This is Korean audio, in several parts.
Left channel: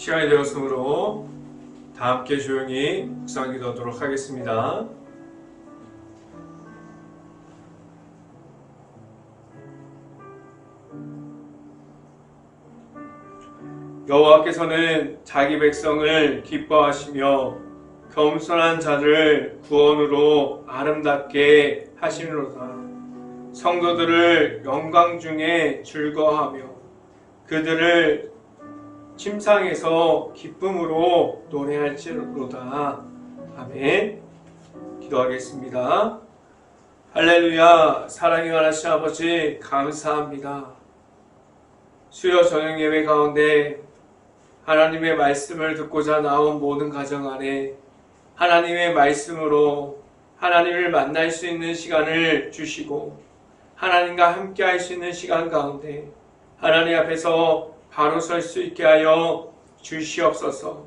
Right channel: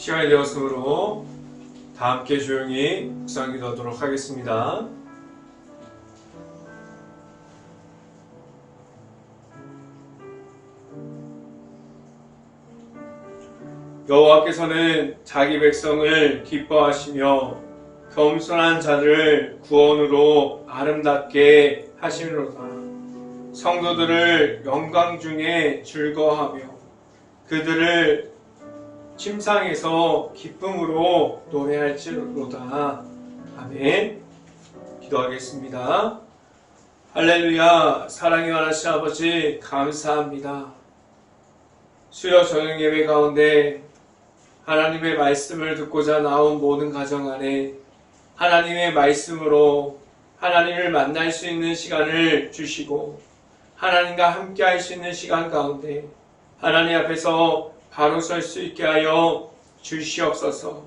시간이 되었으므로 다 함께 조용히 묵상 기도하도록 하겠습니다. 여호와께서는 자기 백성을 기뻐하시며 겸손한 자를 구원으로 아름답게 하시미로다. 성도들을 영광 중에 즐거워하며 그들을 침상에서 기쁨으로 노래할지로다. 아멘. 기도하겠습니다. 할렐루야. 사랑이 많으신 아버지 감사합니다. 수요 저녁 예배 가운데 하나님의 말씀을 듣고자 나온 모든 가정 안에 하나님의 말씀으로 하나님을 만날 수 있는 시간을 주시고 하나님과 함께 할 수 있는 시간 가운데 하나님 앞에서 바로 설 수 있게 하여 주시옵소서.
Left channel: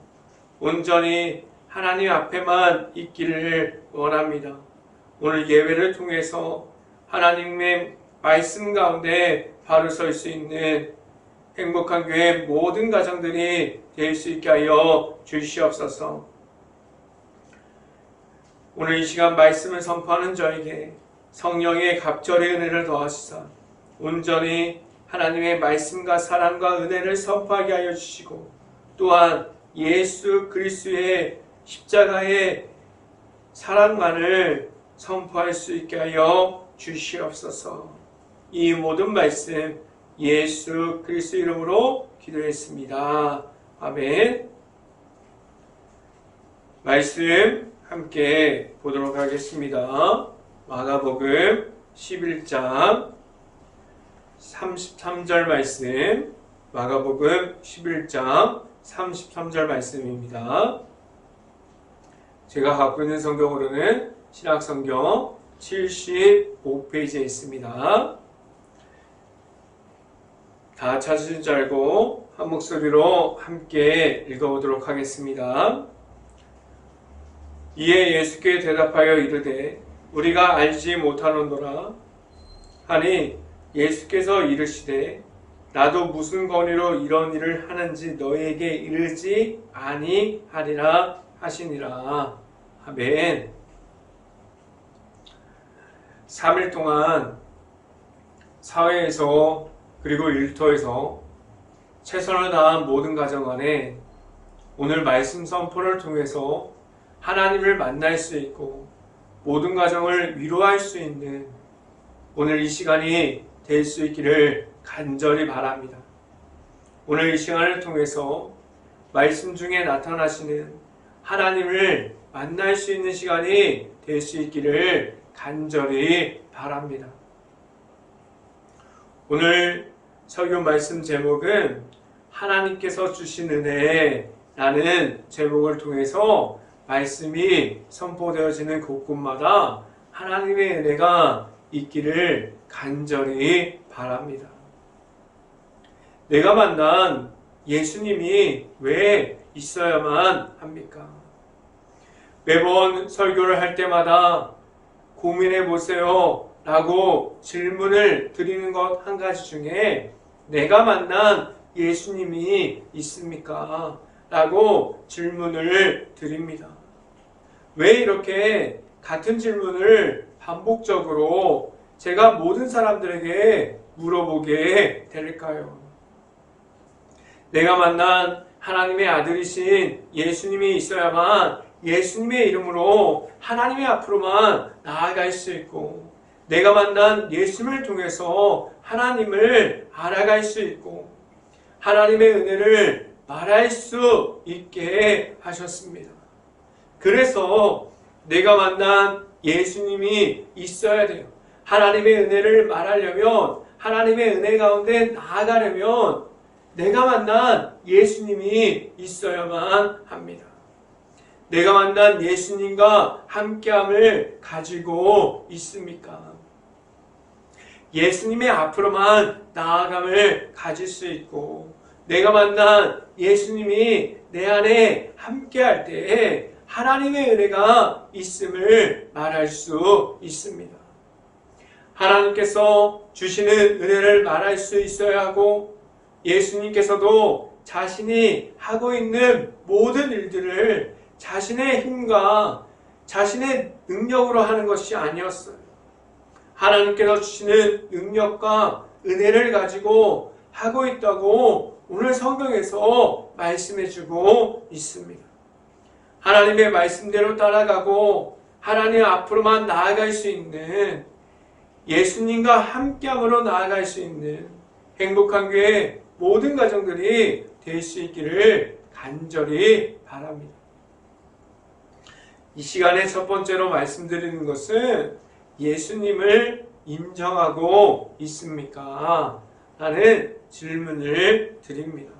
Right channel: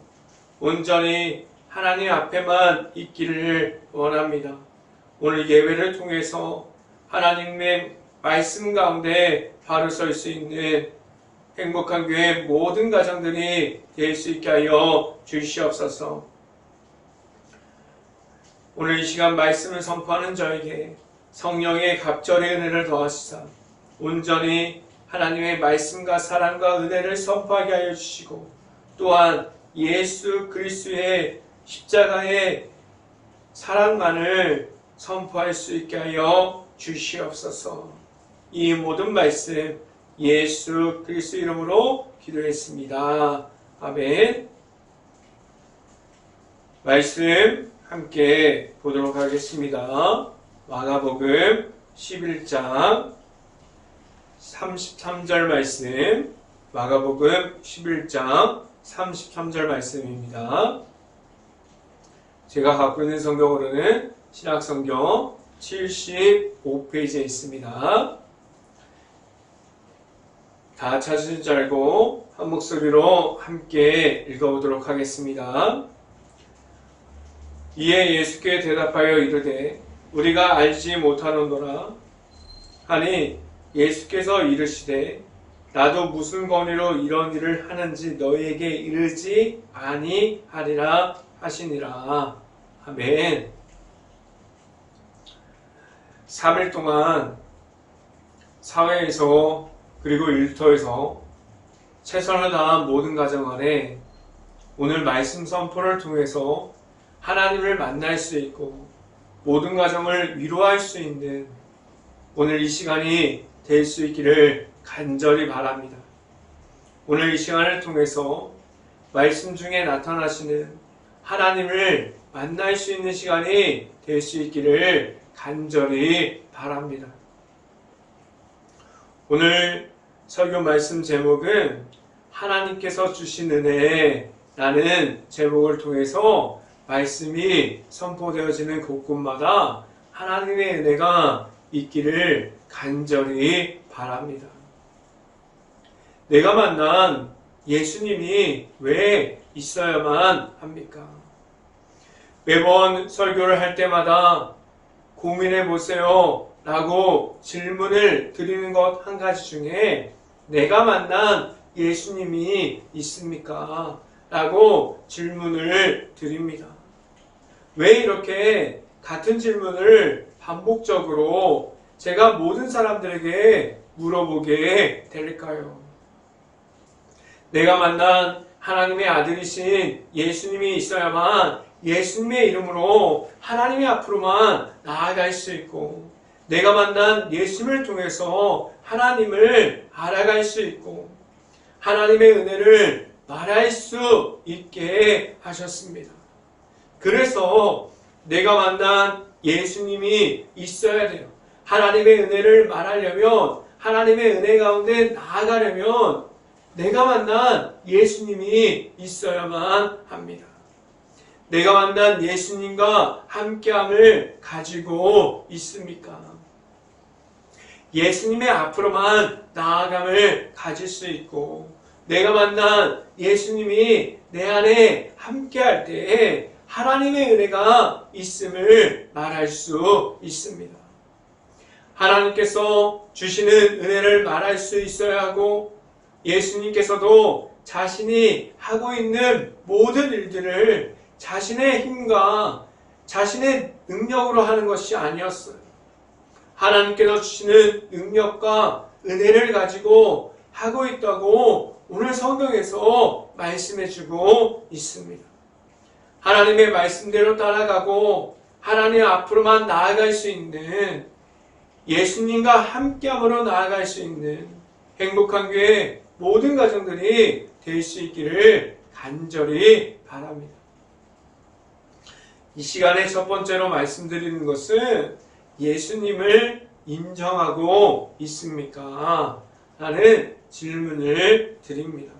온전히 하나님 앞에만 있기를 원합니다. 오늘 예배를 통해서 하나님의 말씀 가운데 바로 설 수 있는 행복한 교회 모든 가정들이 될 수 있게 하여 주시옵소서. 오늘 이 시간 말씀을 선포하는 저에게 성령의 갑절의 은혜를 더하시사 온전히 하나님의 말씀과 사랑과 은혜를 선포하게 하여 주시고 또한 예수 그리스도의 십자가의 사랑만을 선포할 수 있게 하여 주시옵소서. 이 모든 말씀 예수 그리스도 이름으로 기도했습니다. 아멘. 말씀 함께 보도록 하겠습니다. 마가복음 11장 33절 말씀, 마가복음 11장 33절 말씀입니다. 제가 갖고 있는 성경으로는 신약성경 75페이지에 있습니다. 다 찾으신 줄 알고 한 목소리로 함께 읽어보도록 하겠습니다. 이에 예수께 대답하여 이르되 우리가 알지 못하노라 하니 예수께서 이르시되 나도 무슨 권위로 이런 일을 하는지 너희에게 이르지 아니하리라 하시니라. 아멘. 3일 동안 사회에서 그리고 일터에서 최선을 다한 모든 가정 안에 오늘 말씀 선포를 통해서 하나님을 만날 수 있고 모든 가정을 위로할 수 있는 오늘 이 시간이 될 수 있기를 간절히 바랍니다. 오늘 이 시간을 통해서 말씀 중에 나타나시는 하나님을 만날 수 있는 시간이 될 수 있기를 간절히 바랍니다. 오늘 설교 말씀 제목은 하나님께서 주신 은혜라는 제목을 통해서 말씀이 선포되어지는 곳곳마다 하나님의 은혜가 있기를 간절히 바랍니다. 내가 만난 예수님이 왜 있어야만 합니까? 매번 설교를 할 때마다 고민해 보세요 라고 질문을 드리는 것 한 가지 중에 내가 만난 예수님이 있습니까? 라고 질문을 드립니다. 왜 이렇게 같은 질문을 반복적으로 제가 모든 사람들에게 물어보게 될까요? 내가 만난 하나님의 아들이신 예수님이 있어야만 예수님의 이름으로 하나님의 앞으로만 나아갈 수 있고 내가 만난 예수님을 통해서 하나님을 알아갈 수 있고 하나님의 은혜를 말할 수 있게 하셨습니다. 그래서 내가 만난 예수님이 있어야 돼요. 하나님의 은혜를 말하려면 하나님의 은혜 가운데 나아가려면 내가 만난 예수님이 있어야만 합니다. 내가 만난 예수님과 함께함을 가지고 있습니까? 예수님의 앞으로만 나아감을 가질 수 있고 내가 만난 예수님이 내 안에 함께할 때에 하나님의 은혜가 있음을 말할 수 있습니다. 하나님께서 주시는 은혜를 말할 수 있어야 하고 예수님께서도 자신이 하고 있는 모든 일들을 자신의 힘과 자신의 능력으로 하는 것이 아니었어요. 하나님께서 주시는 능력과 은혜를 가지고 하고 있다고 오늘 성경에서 말씀해주고 있습니다. 하나님의 말씀대로 따라가고 하나님 앞으로만 나아갈 수 있는, 예수님과 함께함으로 나아갈 수 있는 행복한 교회 모든 가정들이 될 수 있기를 간절히 바랍니다. 이 시간에 첫 번째로 말씀드리는 것은 예수님을 인정하고 있습니까? 라는 질문을 드립니다.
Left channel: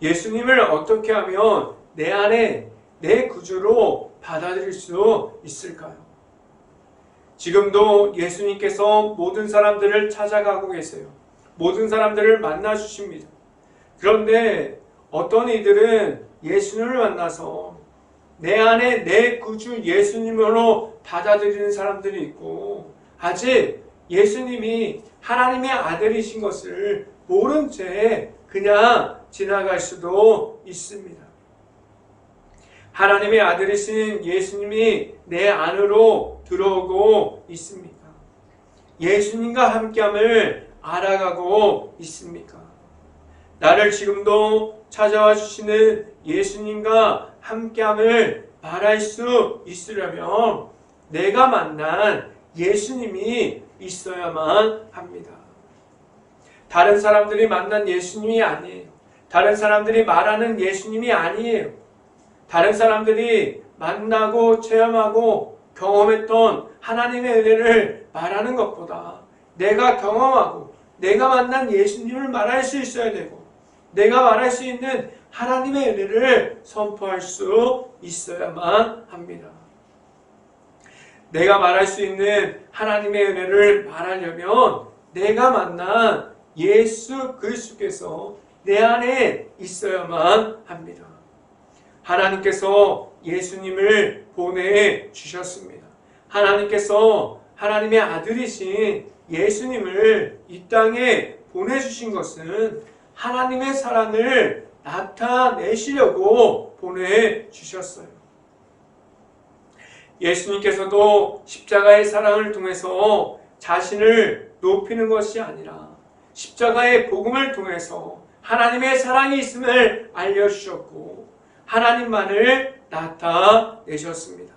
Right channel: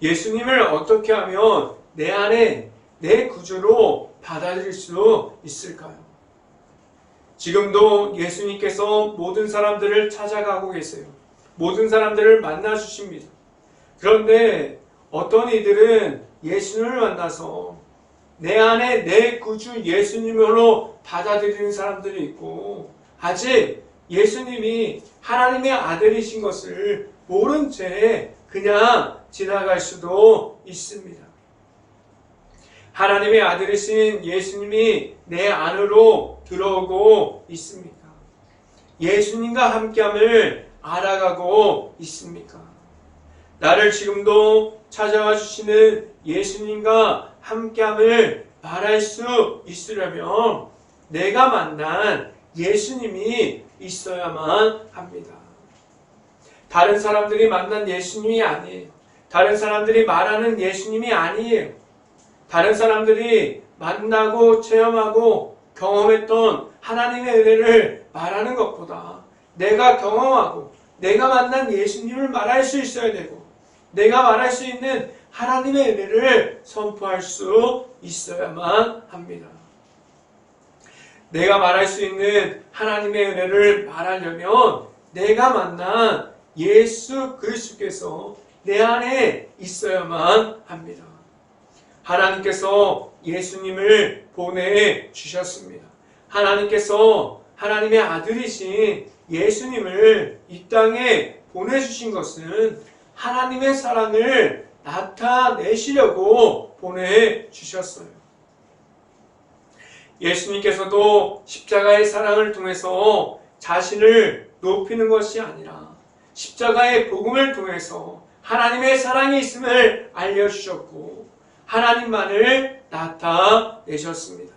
예수님을 어떻게 하면 내 안에 내 구주로 받아들일 수 있을까요? 지금도 예수님께서 모든 사람들을 찾아가고 계세요. 모든 사람들을 만나 주십니다. 그런데 어떤 이들은 예수님을 만나서 내 안에 내 구주 예수님으로 받아들이는 사람들이 있고, 아직 예수님이 하나님의 아들이신 것을 모른 채 그냥 지나갈 수도 있습니다. 하나님의 아들이신 예수님이 내 안으로 들어오고 있습니까? 예수님과 함께함을 알아가고 있습니까? 나를 지금도 찾아와 주시는 예수님과 함께함을 말할 수 있으려면 내가 만난 예수님이 있어야만 합니다. 다른 사람들이 만난 예수님이 아니에요. 다른 사람들이 말하는 예수님이 아니에요. 다른 사람들이 만나고 체험하고 경험했던 하나님의 은혜를 말하는 것보다 내가 경험하고 내가 만난 예수님을 말할 수 있어야 되고, 내가 말할 수 있는 하나님의 은혜를 선포할 수 있어야만 합니다. 내가 말할 수 있는 하나님의 은혜를 말하려면 내가 만난 예수 그리스도께서 내 안에 있어야만 합니다. 하나님께서 예수님을 보내주셨습니다. 하나님께서 하나님의 아들이신 예수님을 이 땅에 보내주신 것은 하나님의 사랑을 나타내시려고 보내주셨어요. 예수님께서도 십자가의 사랑을 통해서 자신을 높이는 것이 아니라 십자가의 복음을 통해서 하나님의 사랑이 있음을 알려주셨고 하나님만을 나타내셨습니다.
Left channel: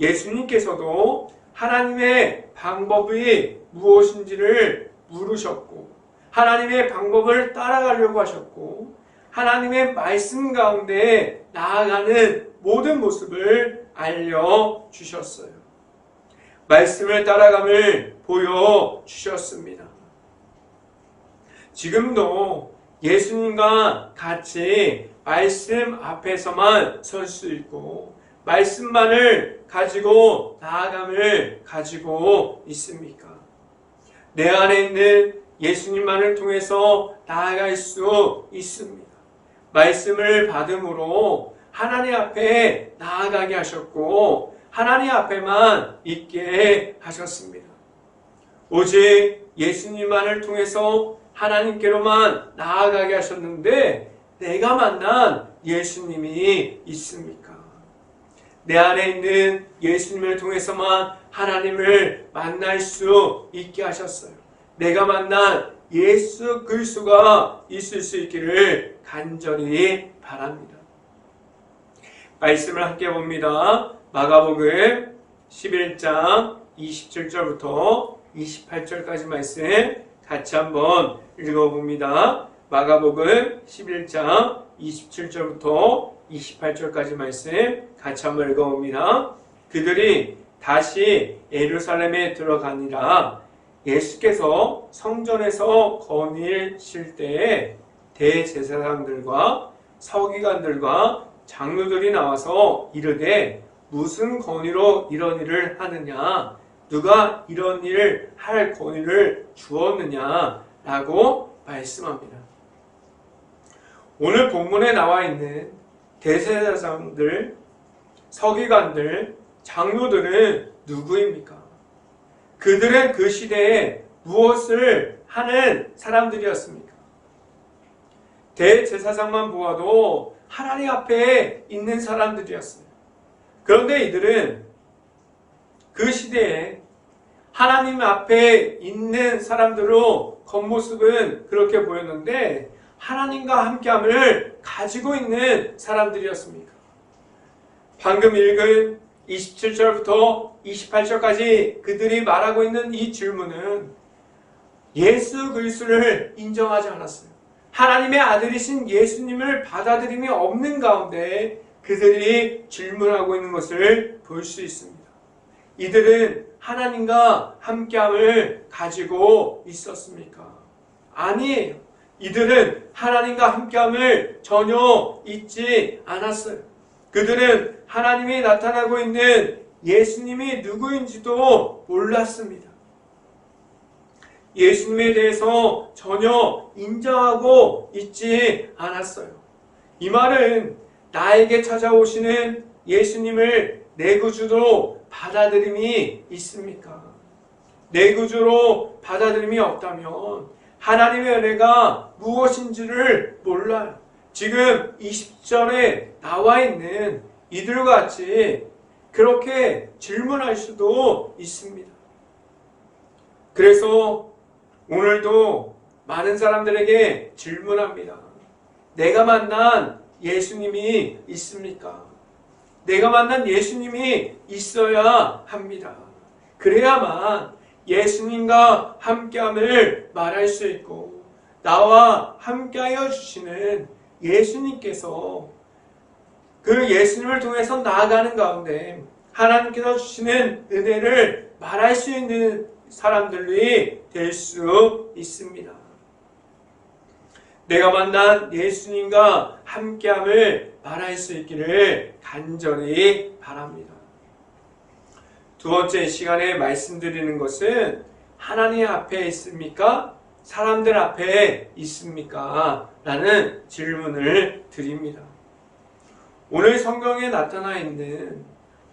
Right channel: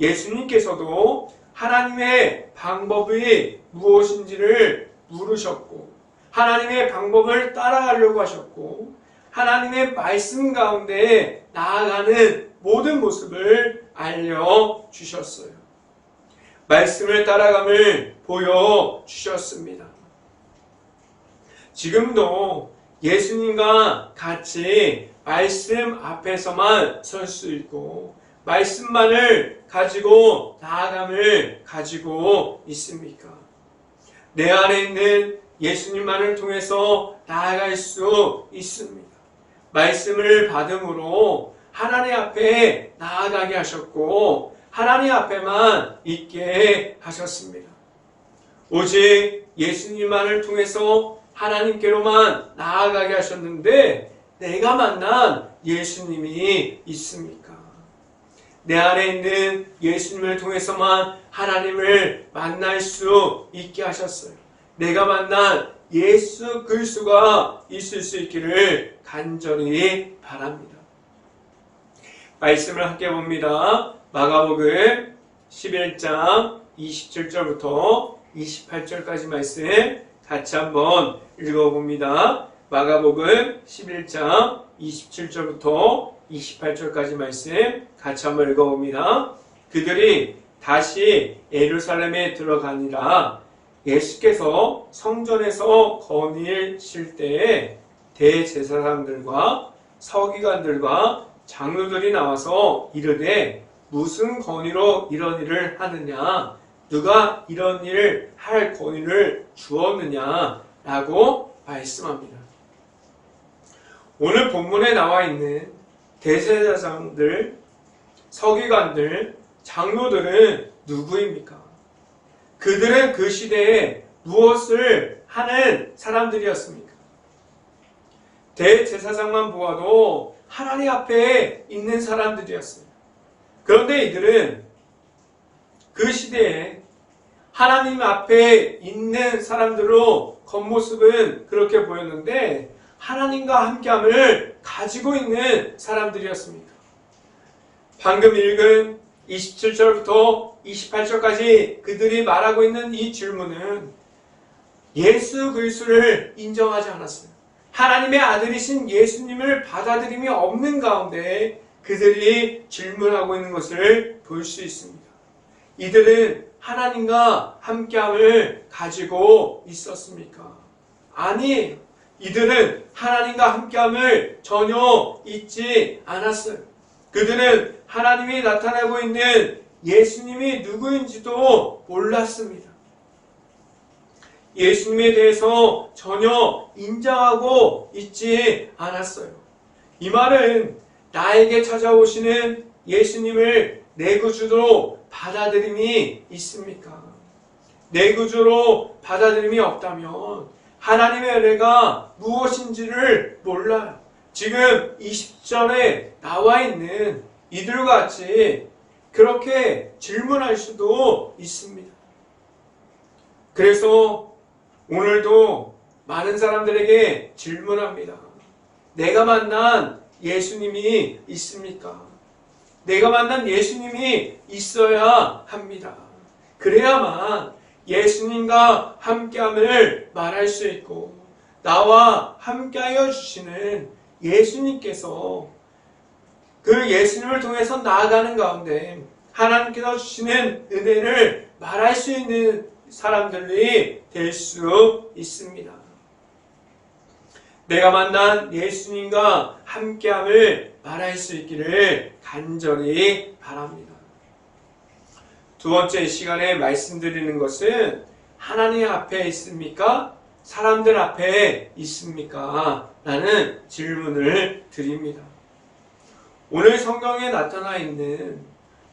예수님께서도 하나님의 방법이 무엇인지를 물으셨고 하나님의 방법을 따라가려고 하셨고 하나님의 말씀 가운데 나아가는 모든 모습을 알려주셨어요. 말씀을 따라감을 보여주셨습니다. 지금도 예수님과 같이 말씀 앞에서만 설 수 있고 말씀만을 가지고 나아감을 가지고 있습니까? 내 안에 있는 예수님만을 통해서 나아갈 수 있습니다. 말씀을 받음으로 하나님 앞에 나아가게 하셨고 하나님 앞에만 있게 하셨습니다. 오직 예수님만을 통해서 하나님께로만 나아가게 하셨는데 내가 만난 예수님이 있습니까? 내 안에 있는 예수님을 통해서만 하나님을 만날 수 있게 하셨어요. 내가 만난 예수 그리스도가 있을 수 있기를 간절히 바랍니다. 말씀을 함께 봅니다. 마가복음 11장 27절부터 28절까지 말씀 같이 한번 읽어봅니다. 마가복음 11장 27절부터 28절까지 말씀 같이 한번 읽어봅니다. 그들이 다시 예루살렘에 들어가니라. 예수께서 성전에서 거니실 때에 대제사장들과 서기관들과 장로들이 나와서 이르되 무슨 권위로 이런 일을 하느냐? 누가 이런 일을 할 권위를 주었느냐? 라고 말씀합니다. 오늘 본문에 나와 있는 대제사장들, 서기관들, 장로들은 누구입니까? 그들은 그 시대에 무엇을 하는 사람들이었습니까? 대제사장만 보아도 하나님 앞에 있는 사람들이었어요. 그런데 이들은 그 시대에 하나님 앞에 있는 사람들로 겉모습은 그렇게 보였는데 하나님과 함께함을 가지고 있는 사람들이었습니까? 방금 읽은 27절부터 28절까지 그들이 말하고 있는 이 질문은 예수 그리스도를 인정하지 않았어요. 하나님의 아들이신 예수님을 받아들임이 없는 가운데 그들이 질문하고 있는 것을 볼 수 있습니다. 이들은 하나님과 함께함을 가지고 있었습니까? 아니에요. 이들은 하나님과 함께함을 전혀 잊지 않았어요. 그들은 하나님이 나타나고 있는 예수님이 누구인지도 몰랐습니다. 예수님에 대해서 전혀 인정하고 있지 않았어요. 이 말은 나에게 찾아오시는 예수님을 내 구주로 받아들임이 있습니까? 내 구주로 받아들임이 없다면 하나님의 은혜가 무엇인지를 몰라요. 지금 20절에 나와 있는 이들과 같이 그렇게 질문할 수도 있습니다. 그래서 오늘도 많은 사람들에게 질문합니다. 내가 만난 예수님이 있습니까? 내가 만난 예수님이 있어야 합니다. 그래야만 예수님과 함께함을 말할 수 있고 나와 함께하여 주시는 예수님께서 그 예수님을 통해서 나아가는 가운데 하나님께서 주시는 은혜를 말할 수 있는 사람들이 될 수 있습니다. 내가 만난 예수님과 함께함을 말할 수 있기를 간절히 바랍니다. 두 번째 시간에 말씀드리는 것은 하나님 앞에 있습니까? 사람들 앞에 있습니까? 라는 질문을 드립니다. 오늘 성경에 나타나 있는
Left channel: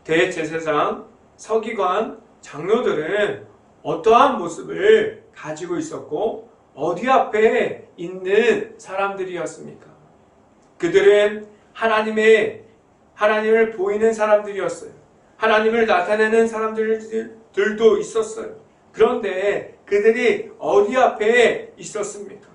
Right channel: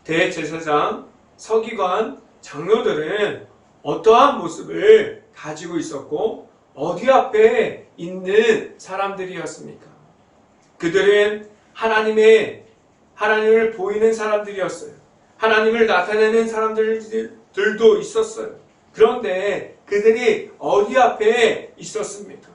대제사장, 서기관, 장로들은 어떠한 모습을 가지고 있었고 어디 앞에 있는 사람들이었습니까? 그들은 하나님을 보이는 사람들이었어요. 하나님을 나타내는 사람들도 있었어요. 그런데 그들이 어디 앞에 있었습니까?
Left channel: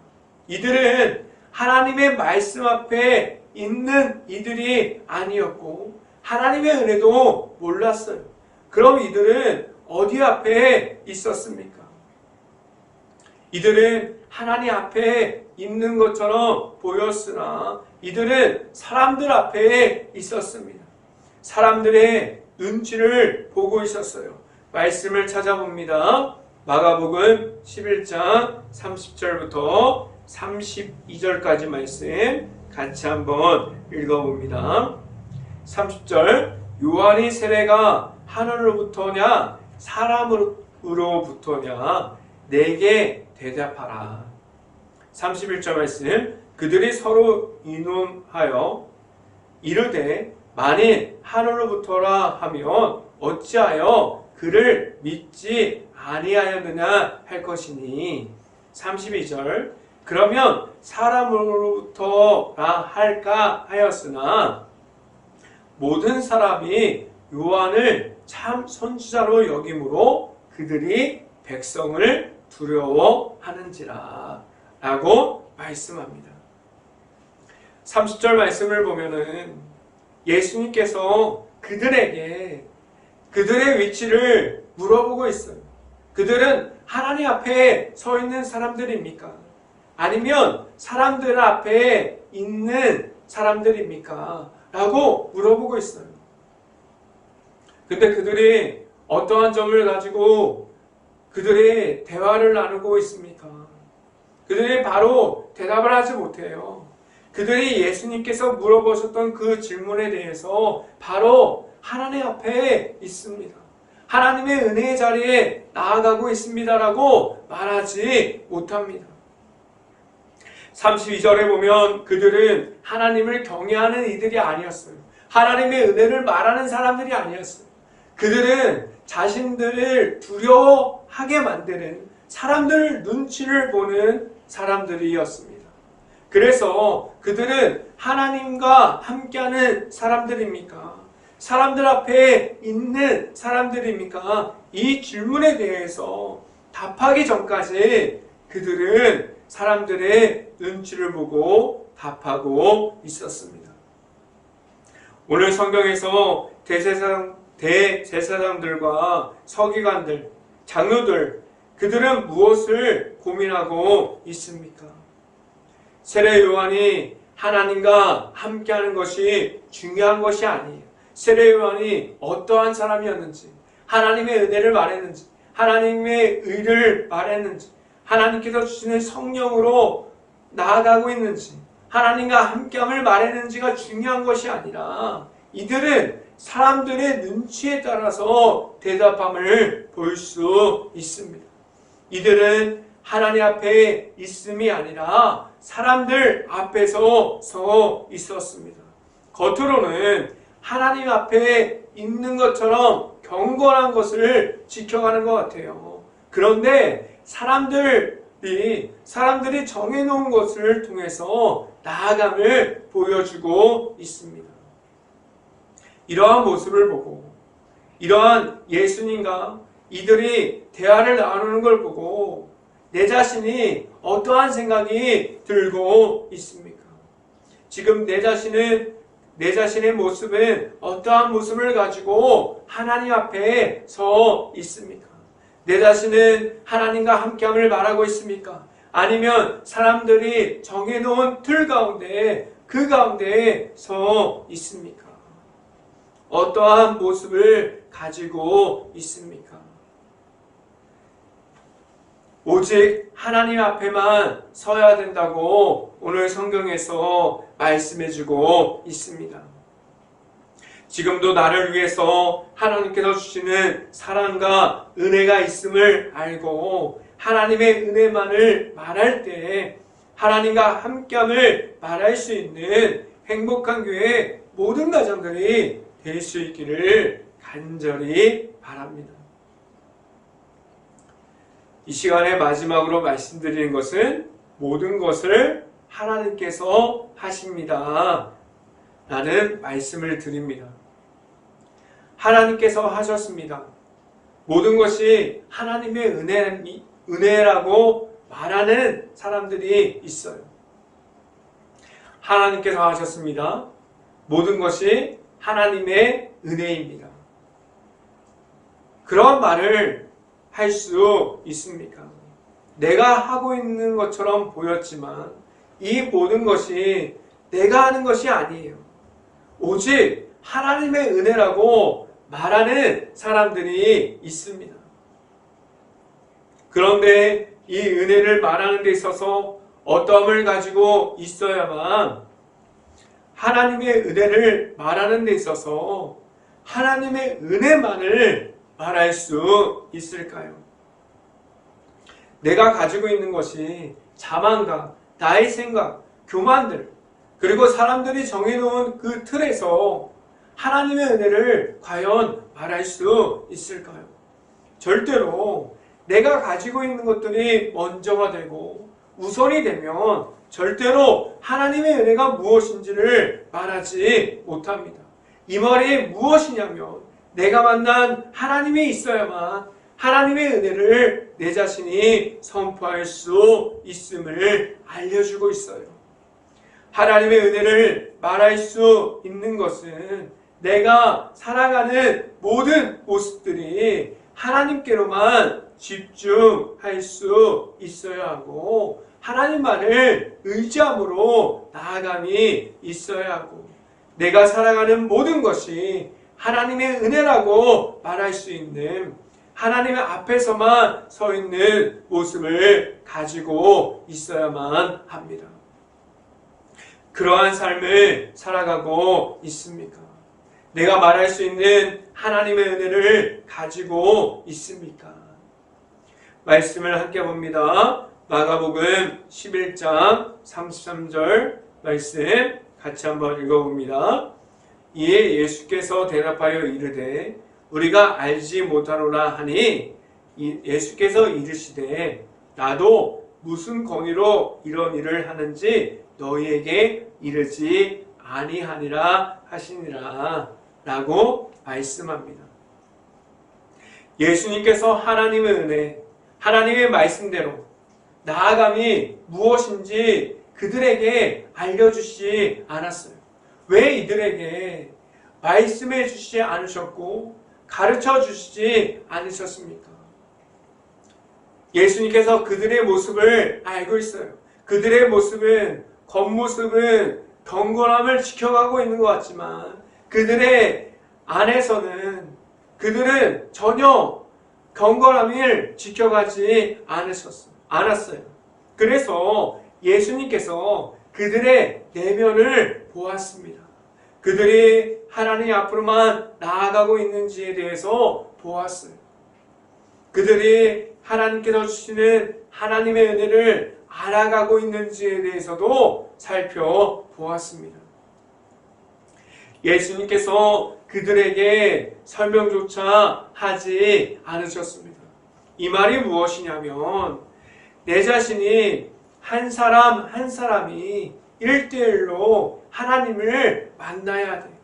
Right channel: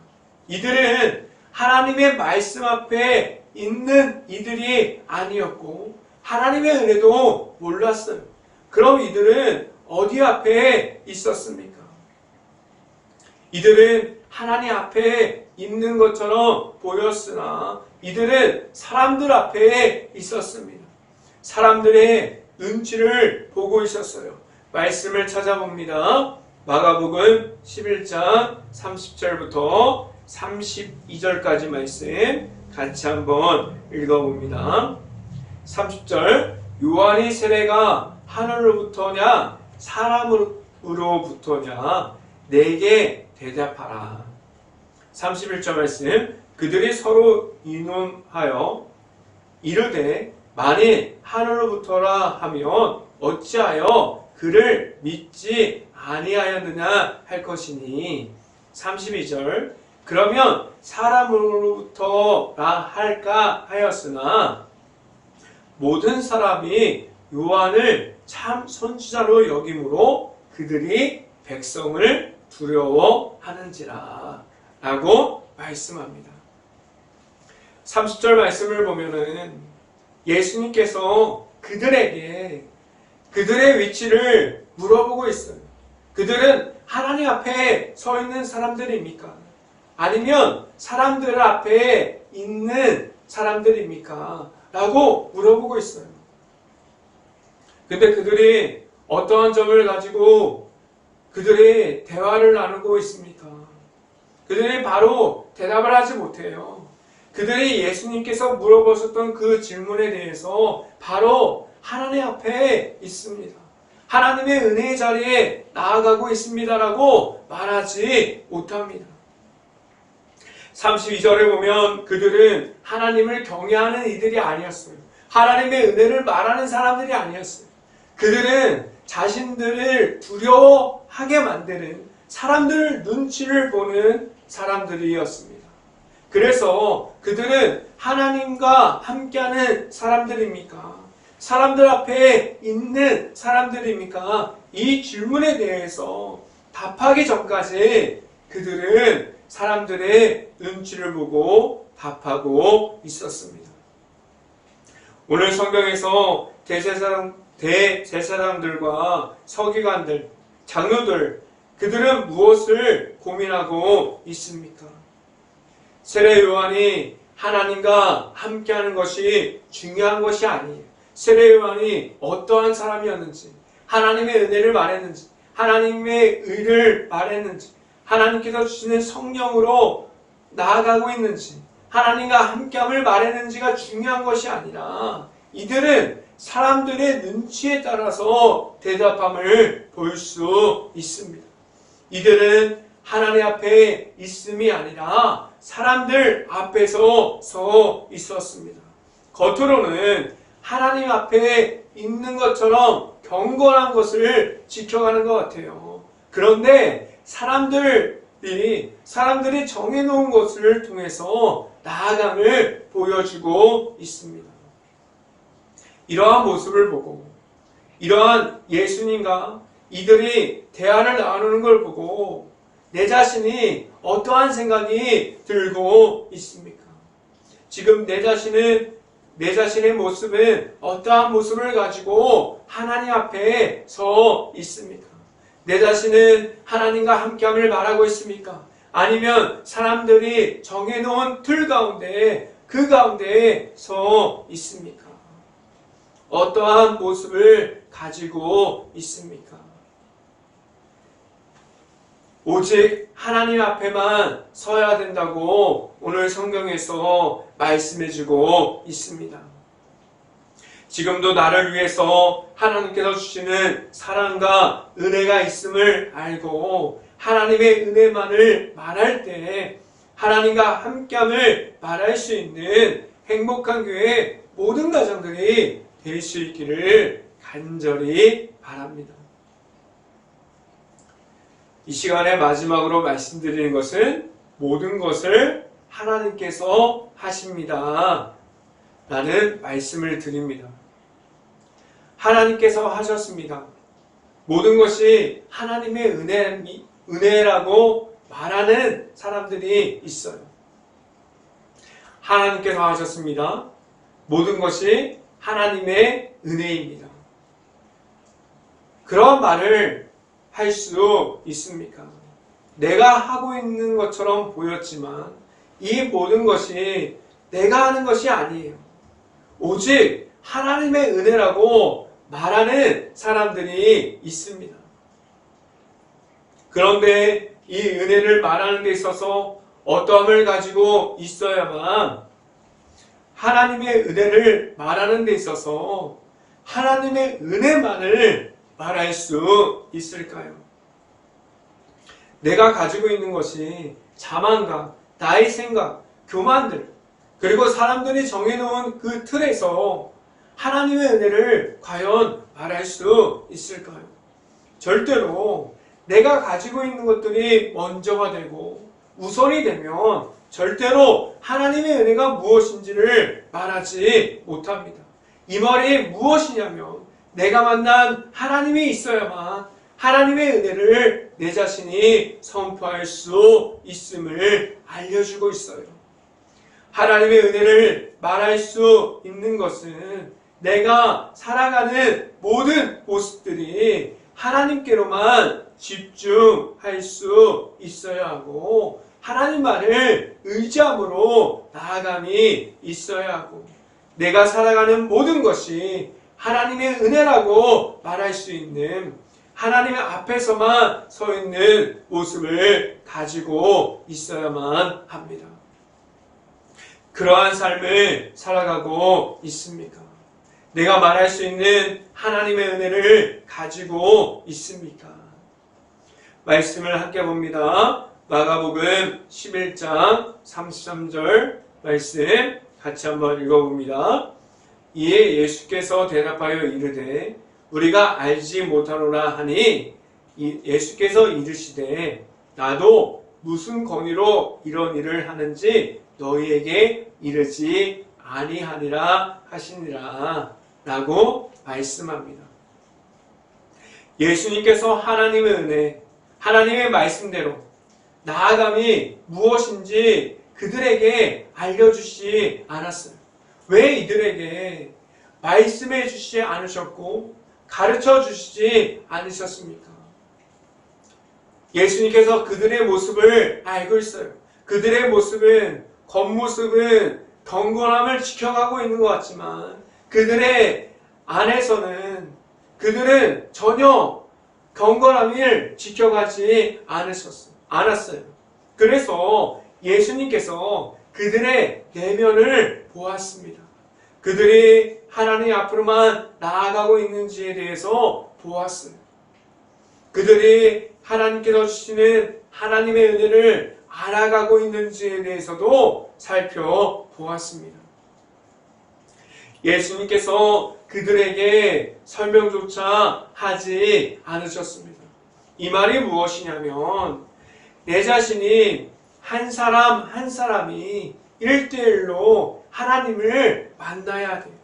이들은 하나님의 말씀 앞에 있는 이들이 아니었고 하나님의 은혜도 몰랐어요. 그럼 이들은 어디 앞에 있었습니까? 이들은 하나님 앞에 있는 것처럼 보였으나 이들은 사람들 앞에 있었습니다. 사람들의 눈치를 보고 있었어요. 말씀을 찾아봅니다. 마가복음 11장 30절부터 32절까지 말씀 같이 한번 읽어봅니다. 30절 요한의 세례가 하늘로부터냐 사람으로부터냐 내게 대답하라. 31절 말씀 그들이 서로 의논하여 이르되 만일 하늘로부터라 하면 어찌하여 그를 믿지 아니하였느냐 할 것이니 32절 그러면 사람으로부터라 할까 하였으나 모든 사람이 요한을 참 선지자로 여김으로 그들이 백성을 두려워하는지라 라고 말씀합니다. 30절 말씀을 보면은 예수님께서 그들에게 그들의 위치를 물어보고 있어요. 그들은 하나님 앞에 서 있는 사람들입니까? 아니면 사람들 앞에 있는 사람들입니까? 라고 물어보고 있어요. 근데 그들이 어떠한 점을 가지고 그들의 대화를 나누고 있습니까? 그들이 바로 대답을 하지 못해요. 그들이 예수님께서 물어보셨던 그 질문에 대해서 바로 하나님 앞에 있습니다. 하나님의 은혜의 자리에 나아가고 있습니다라고 말하지 못합니다. 32절에 보면 그들은 하나님을 경외하는 이들이 아니었어요. 하나님의 은혜를 말하는 사람들이 아니었어요. 그들은 자신들을 두려워하게 만드는 사람들 눈치를 보는 사람들이었습니다. 그래서 그들은 하나님과 함께하는 사람들입니까? 사람들 앞에 있는 사람들입니까? 이 질문에 대해서 답하기 전까지 그들은 사람들의 눈치를 보고 답하고 있었습니다. 오늘 성경에서 대제사장들과 서기관들, 장로들, 그들은 무엇을 고민하고 있습니까? 세례 요한이 하나님과 함께하는 것이 중요한 것이 아니에요. 세례 요한이 어떠한 사람이었는지, 하나님의 은혜를 말했는지, 하나님의 의를 말했는지, 하나님께서 주시는 성령으로 나아가고 있는지, 하나님과 함께함을 말했는지가 중요한 것이 아니라 이들은 사람들의 눈치에 따라서 대답함을 볼 수 있습니다. 이들은 하나님 앞에 있음이 아니라 사람들 앞에서 서 있었습니다. 겉으로는 하나님 앞에 있는 것처럼 경건한 것을 지켜가는 것 같아요. 그런데 사람들이 정해놓은 것을 통해서 나아감을 보여주고 있습니다. 이러한 모습을 보고 이러한 예수님과 이들이 대화를 나누는 걸 보고 내 자신이 어떠한 생각이 들고 있습니까? 지금 내 자신의 모습은 어떠한 모습을 가지고 하나님 앞에 서 있습니까? 내 자신은 하나님과 함께함을 말하고 있습니까? 아니면 사람들이 정해놓은 틀 가운데 그 가운데에 서 있습니까? 어떠한 모습을 가지고 있습니까? 오직 하나님 앞에만 서야 된다고 오늘 성경에서 말씀해주고 있습니다. 지금도 나를 위해서 하나님께서 주시는 사랑과 은혜가 있음을 알고 하나님의 은혜만을 말할 때 하나님과 함께함을 말할 수 있는 행복한 교회 모든 가정들이 될 수 있기를 간절히 바랍니다. 이 시간에 마지막으로 말씀드리는 것은 모든 것을 하나님께서 하십니다 라는 말씀을 드립니다. 하나님께서 하셨습니다. 모든 것이 하나님의 은혜라고 말하는 사람들이 있어요. 하나님께서 하셨습니다. 모든 것이 하나님의 은혜입니다. 그런 말을 할 수 있습니까? 내가 하고 있는 것처럼 보였지만 이 모든 것이 내가 하는 것이 아니에요. 오직 하나님의 은혜라고 말하는 사람들이 있습니다. 그런데 이 은혜를 말하는 데 있어서 어떠함을 가지고 있어야만 하나님의 은혜를 말하는 데 있어서 하나님의 은혜만을 말할 수 있을까요? 내가 가지고 있는 것이 자만과 나의 생각, 교만들, 그리고 사람들이 정해놓은 그 틀에서 하나님의 은혜를 과연 말할 수 있을까요? 절대로 내가 가지고 있는 것들이 먼저가 되고 우선이 되면 절대로 하나님의 은혜가 무엇인지를 말하지 못합니다. 이 말이 무엇이냐면 내가 만난 하나님이 있어야만 하나님의 은혜를 내 자신이 선포할 수 있음을 알려주고 있어요. 하나님의 은혜를 말할 수 있는 것은 내가 살아가는 모든 모습들이 하나님께로만 집중할 수 있어야 하고 하나님만을 의지함으로 나아감이 있어야 하고 내가 살아가는 모든 것이 하나님의 은혜라고 말할 수 있는 하나님의 앞에서만 서 있는 모습을 가지고 있어야만 합니다. 그러한 삶을 살아가고 있습니까? 내가 말할 수 있는 하나님의 은혜를 가지고 있습니까? 말씀을 함께 봅니다. 마가복음 11장 33절 말씀 같이 한번 읽어봅니다. 이에 예수께서 대답하여 이르되 우리가 알지 못하노라 하니 예수께서 이르시되 나도 무슨 권위로 이런 일을 하는지 너희에게 이르지 아니하니라 하시니라 라고 말씀합니다. 예수님께서 하나님의 은혜, 하나님의 말씀대로 나아감이 무엇인지 그들에게 알려주지 않았어요. 왜 이들에게 말씀해 주시지 않으셨고 가르쳐 주시지 않으셨습니까? 예수님께서 그들의 모습을 알고 있어요. 그들의 모습은 겉모습은 경건함을 지켜가고 있는 것 같지만 그들의 안에서는 그들은 전혀 경건함을 지켜가지 않았어요. 그래서 예수님께서 그들의 내면을 보았습니다. 그들이 하나님 앞으로만 나아가고 있는지에 대해서 보았어요. 그들이 하나님께서 주시는 하나님의 은혜를 알아가고 있는지에 대해서도 살펴보았습니다. 예수님께서 그들에게 설명조차 하지 않으셨습니다. 이 말이 무엇이냐면 내 자신이 한 사람 한 사람이 1대1로 하나님을 만나야 돼요.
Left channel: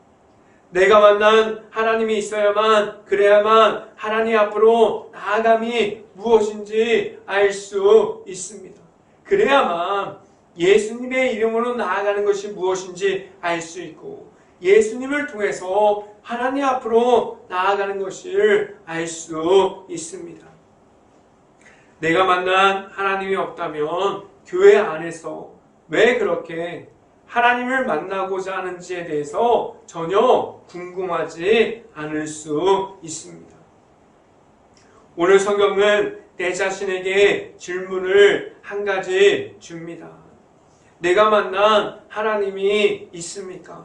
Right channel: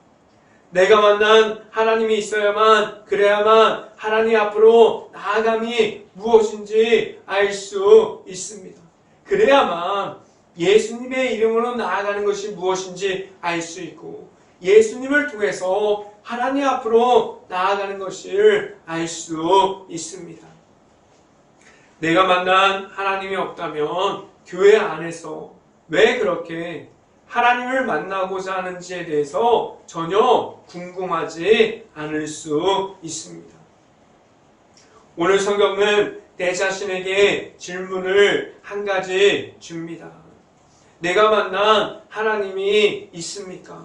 내가 만난 하나님이 있어야만 그래야만 하나님 앞으로 나아감이 무엇인지 알 수 있습니다. 그래야만 예수님의 이름으로 나아가는 것이 무엇인지 알 수 있고 예수님을 통해서 하나님 앞으로 나아가는 것을 알 수 있습니다. 내가 만난 하나님이 없다면 교회 안에서 왜 그렇게 하나님을 만나고자 하는지에 대해서 전혀 궁금하지 않을 수 있습니다. 오늘 성경은 내 자신에게 질문을 한 가지 줍니다. 내가 만난 하나님이 있습니까?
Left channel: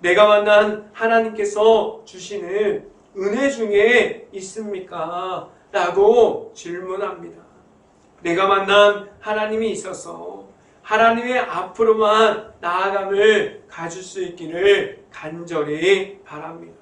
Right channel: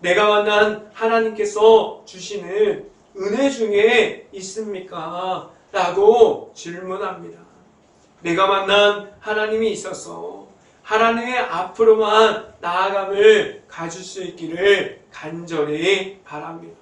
내가 만난 하나님께서 주시는 은혜 중에 있습니까? 라고 질문합니다. 내가 만난 하나님이 있어서 하나님의 앞으로만 나아감을 가질 수 있기를 간절히 바랍니다.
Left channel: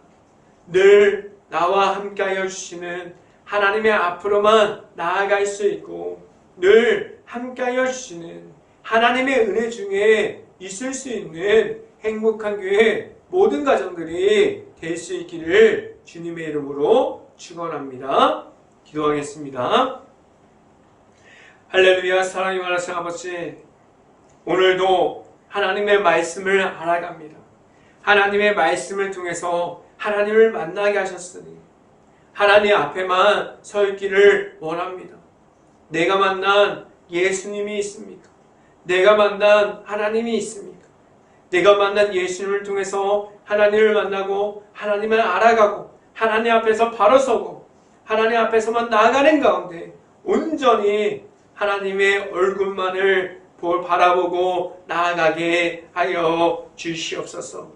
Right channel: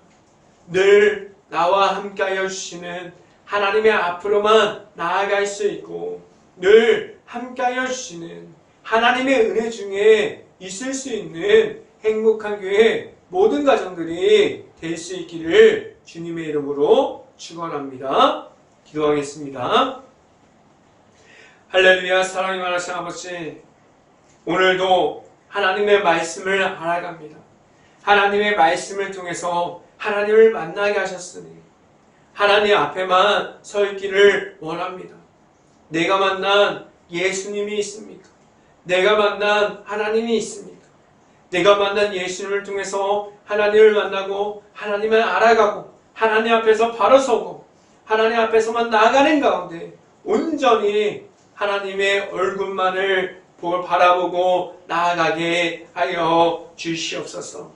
늘 나와 함께하여 주시는 하나님의 앞으로만 나아갈 수 있고 늘 함께하여 주시는 하나님의 은혜 중에 있을 수 있는 행복한 교회 모든 가정들이 될 수 있기를 주님의 이름으로 축원합니다. 기도하겠습니다. 할렐루야. 사랑이 많으신 아버지, 오늘도 하나님의 말씀을 알아갑니다. 하나님의 말씀을 통해서 하나님을 만나게 하셨으니 하나님 앞에만 서 있기를 원합니다. 내가 만난 예수님이 있습니까? 내가 만난 하나님이 있습니까? 내가 만난 예수님을 통해서 하나님을 만나고 하나님을 알아가고 하나님 앞에서 바로 서고 하나님 앞에서만 나아가는 가운데 온전히 하나님의 얼굴만을 바라보고 나아가게 하여 주시옵소서.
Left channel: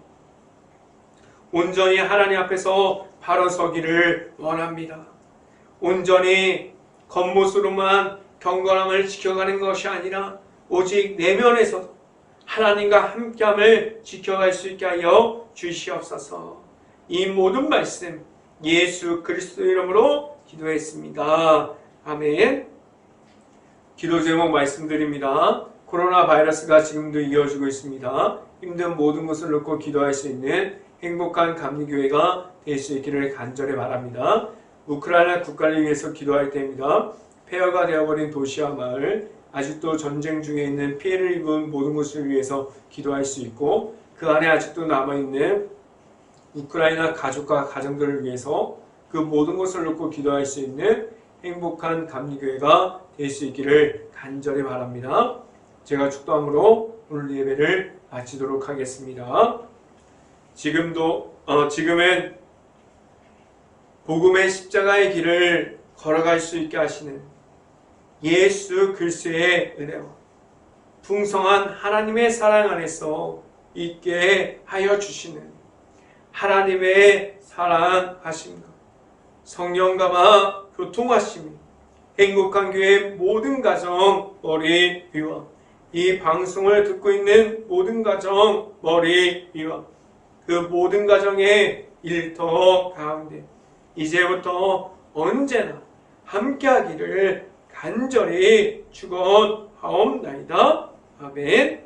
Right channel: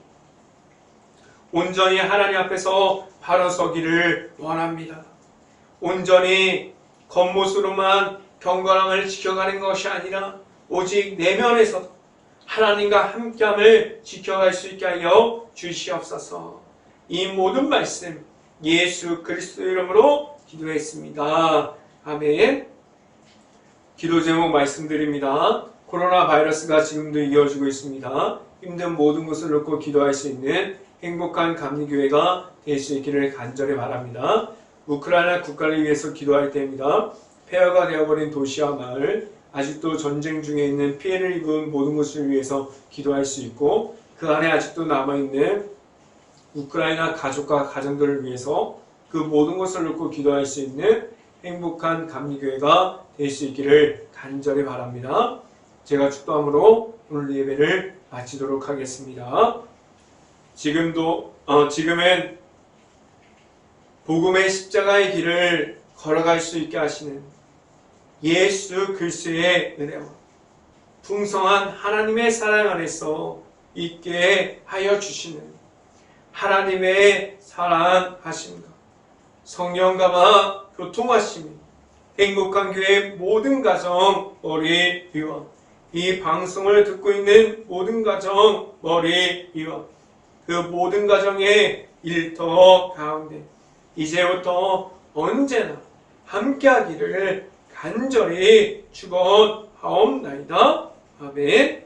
온전히 하나님 앞에서 바로 서기를 원합니다. 온전히 겉모습으로만 경건함을 지켜가는 것이 아니라 오직 내면에서도 하나님과 함께함을 지켜갈 수 있게 하여 주시옵소서. 이 모든 말씀 예수 그리스도 이름으로 기도했습니다. 아멘. 기도 제목 말씀드립니다. 코로나 바이러스가 지금도 이어지고 있습니다. 힘든 모든 것을 놓고 기도할 수 있는 행복한 감리교회가 될 수 있기를 간절히 바랍니다. 우크라이나 국가를 위해서 기도할 때입니다. 폐허가 되어버린 도시와 마을, 아직도 전쟁 중에 있는 피해를 입은 모든 것을 위해서 기도할 수 있고 그 안에 아직도 남아있는 우크라이나 가족과 가정들을 위해서 그 모든 것을 놓고 기도할 수 있는 행복한 감리교회가 될 수 있기를 간절히 바랍니다. 제가 축도함으로 오늘 예배를 마치도록 하겠습니다. 지금은 복음의 십자가의 길을 걸어갈 수 있게 하시는 예수 그리스도의 은혜와 풍성한 하나님의 사랑 안에서 있게 하여 주시는 하나님의 사랑하심과 성령감화 교통하심이 행복한 교회 모든 가정 머리 위와 이 방송을 듣고 있는 모든 가정 머리 위와 그 모든 가정의 일터 가운데 이제부터 언제나 함께하기를 간절히 축원하옵나이다. 아멘.